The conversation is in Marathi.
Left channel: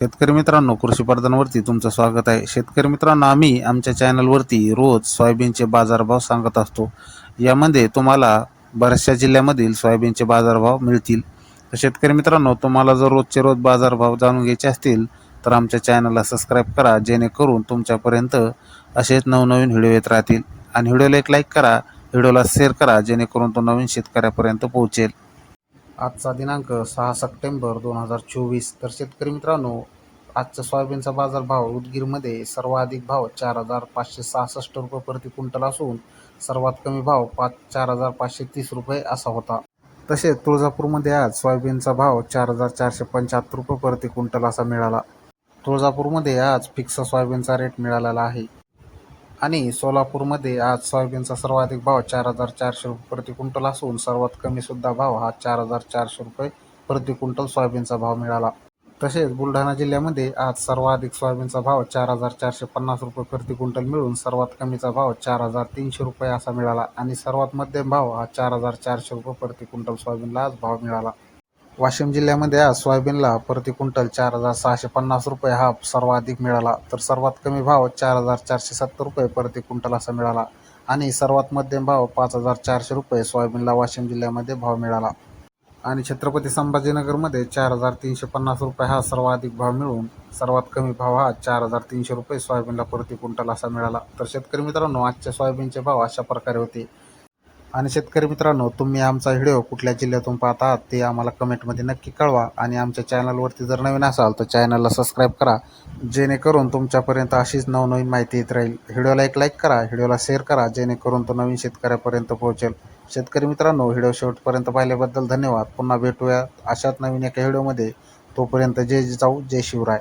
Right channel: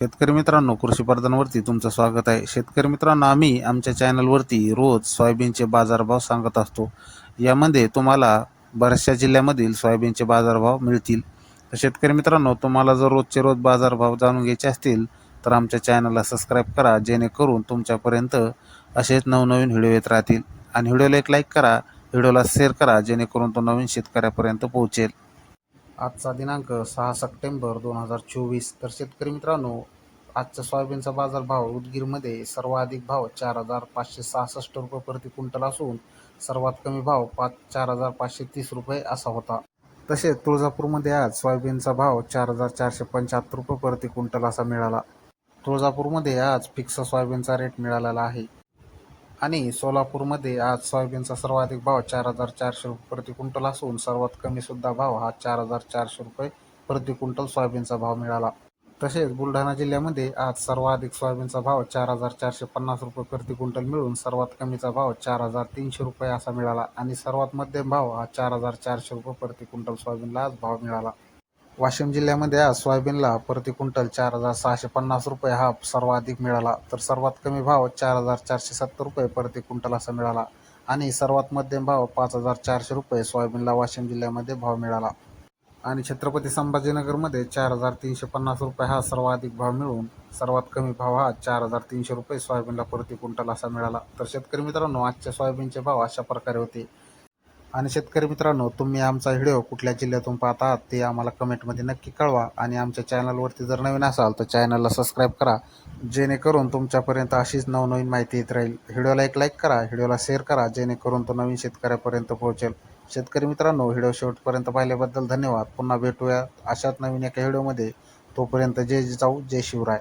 शेतकरी मित्रांनो कृषी प्रधानवरती तुमचं स्वागत आहे. शेतकरी मित्रांनो आम्ही आमच्या चॅनलवरती रोज सोयाबीनचे बाजारभाव सांगत असतो. यामध्ये तुम्हाला बऱ्याचशा जिल्ह्यामधील सोयाबीनचे बाजारभाव मिळतील. तर शेतकरी मित्रांनो तुम्हाला जर रोजचे रोज बाजारभाव जाणून घ्यायचे असतील तर आमच्या चॅनलला सबस्क्राईब करा जेणेकरून तुमच्यापर्यंत असेच नवनवीन व्हिडिओ येत राहतील. आणि व्हिडिओला एक लाईक करा व्हिडिओला शेअर करा जेणेकरून तो नवीन शेतकऱ्यापर्यंत पोहोचेल. आजचा दिनांक सहा सप्टेंबर दोन हजार चोवीस. तर शेतकरी मित्रांनो आजचा सोयाबीनचा बाजारभाव उदगीरमध्ये सर्वाधिक भाव चार हजार पाचशे सहासष्ट रुपये प्रति क्विंटल असून सर्वात कमी भाव पाच चार हजार पाचशे तीस रुपये असा होता. तसेच तुळजापूरमध्ये आज सोयाबीनचा भाव चार हजार चारशे पंच्याहत्तर रुपये प्रति क्विंटल असा मिळाला. तुळजापूरमध्ये आज फिक्स सोयाबीनचा रेट मिळालेला आहे. आणि सोलापूरमध्ये आज सोयाबीनचा सर्वाधिक भाव चार हजार चारशे रुपये प्रति क्विंटल असून सर्वात कमी सुद्धा भाव हा चार हजार चारशे रुपये प्रति क्विंटल सोयाबीनचा भाव मिळाला. तसेच बुलढाणा जिल्ह्यामध्ये आज सर्वाधिक सोयाबीनचा भाव चार हजार चारशे पन्नास रुपये प्रति क्विंटल मिळून सर्वात कमीचा भाव चार हजार तीनशे रुपये असा मिळाला आणि सर्वात मध्यम भाव हा चार हजार चारशे रुपये प्रति क्विंटल सोयाबीनला आज भाव मिळाला. वाशिम जिल्ह्यामध्ये आज सोयाबीनला प्रति क्विंटल चार हजार सहाशे पन्नास रुपये हा सर्वाधिक मिळाला. तर सर्वात कमी भाव चार हजार चारशे सत्तर रुपये प्रति क्विंटल असा मिळाला. आणि सर्वात मध्यम भाव पाच हजार चारशे रुपये सोयाबीनला वाशिम जिल्ह्यामध्ये भाव मिळाला. आणि छत्रपती संभाजीनगरमध्ये चार हजार तीनशे पन्नास रुपये हा सर्वाधिक भाव मिळून सर्वात कमी भाव हा चार हजार तीनशे रुपये सोयाबीनला प्रति क्विंटल असा मिळाला. तर शेतकरी मित्रांनो आजच्या सोयाबीनचे भाव अशा प्रकारे होते. आणि शेतकरी मित्रांनो तुम्ही आमचा व्हिडिओ कुठल्या जिल्ह्यातून पाहत आहात ते आम्हाला कमेंटमध्ये नक्की कळवा. आणि आमच्या चॅनलवरती जर नवीन असाल तर चॅनलला सबस्क्राईब करा. जेणेकरून तुमच्यापर्यंत अशीच नवनवीन माहिती येत राहील. व्हिडिओला एक लाईक करा व्हिडिओला शेअर करा जेणेकरून तो नवीन शेतकऱ्यापर्यंत पोहोचेल. शेतकरी मित्रांनो व्हिडिओ शेवटपर्यंत पाहिल्याबद्दल धन्यवाद. पुन्हा भेटूया अशाच नवीन एका व्हिडिओमध्ये. तोपर्यंत जय जिजाऊ जय शिवराय.